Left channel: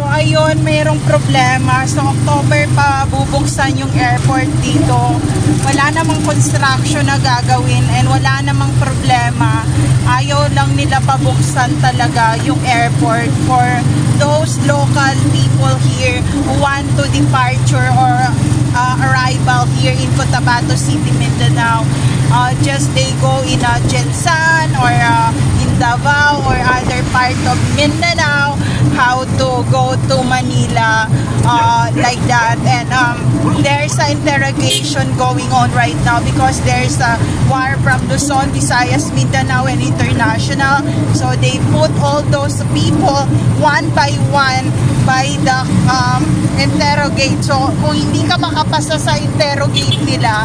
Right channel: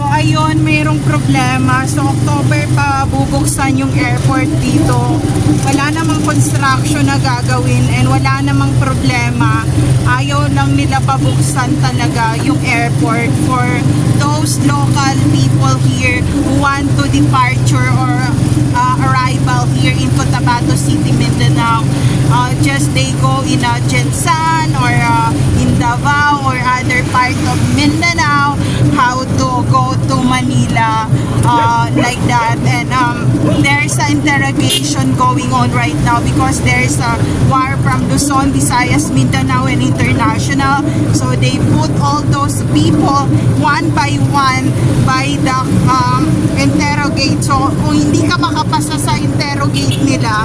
So ayun, mayroong problema. So October pa bubuksan yung airport dito. Wala namang construction na gagawin and wala namang problema. Ayaw lang nila pabuksan talaga yung airport for those local people here who want to departure or arrival here in Cotabato City, Mindanao. Just they go in Jensan or in Davao or other part of Mindanao, how to go to Manila, like that. And there's an interrogation going on right now because there's a war from Luzon, Visayas, Mindanao, and international. So they put all those people one by one by the interrogate. So kung hindi ka makapasa sa interrogate nila,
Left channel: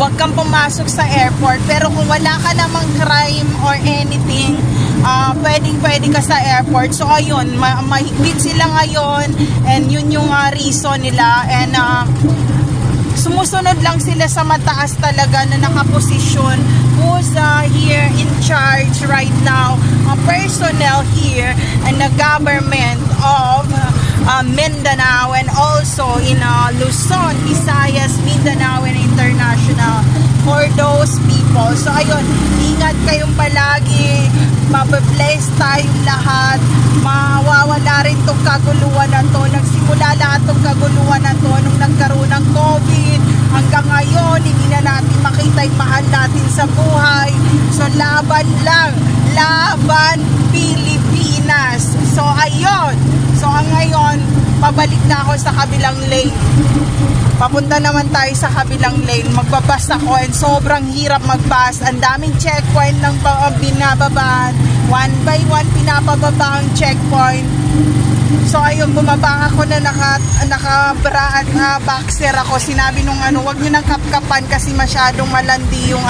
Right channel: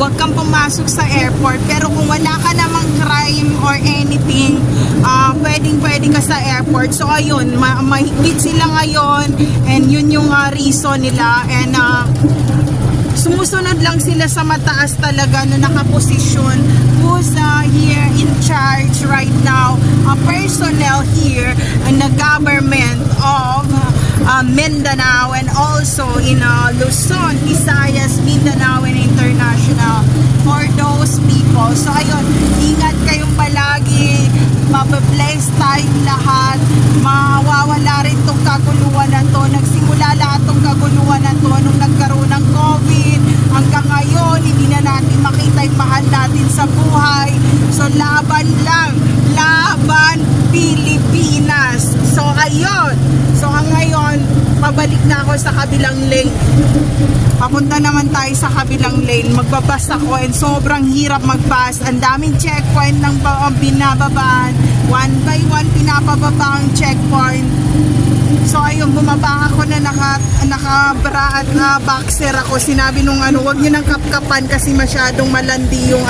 huwag kang pumasok sa airport. Pero kung wala ka namang crime or anything, pwedeng-pwede ka sa airport. So ayun, mahigpit sila ngayon and yun yung reason nila. And sumusunod lang sila sa mataas talaga na nakaposisyon. Who's here in charge right now, personnel here and the government of Mindanao and also in Luzon, Visayas, Mindanao, and international for those people. So ayun, ingat kayong palagi, mababless tayong lahat, mawawala rin tong kaguluhan na to. Nagsimula lahat tong kaguluhan na to nung nagkaroon ng COVID. Hanggang ngayon, hindi na natin makita yung mahal natin sa buhay. So laban lang, laban Pilipinas. So ayun, so ngayon, pabalik na ako sa kabilang lane. Papunta naman tayo sa kabilang lane. Magbabas ako and sobrang hirap magbas. Ang daming checkpoint ng binababaan. One by one pinapababa ang checkpoint. So ayun, bumaba ako na naka-bra at boxer ako. Sinabi nung wag niyo nang kapkapan kasi masyadong malandi yung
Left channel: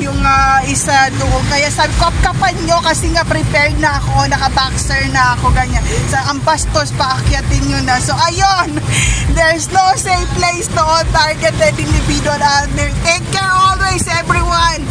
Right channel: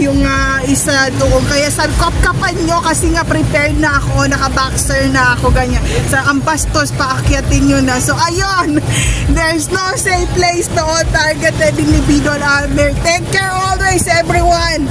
yung isa doon. Kaya sabi, kapkapan nyo kasi nga prepared na ako, naka-boxer na ako, ganyan. So ang bastos, paakyatin nyo na. So ayun, there's no safe place, no targeted individual out there. Take care always, everyone!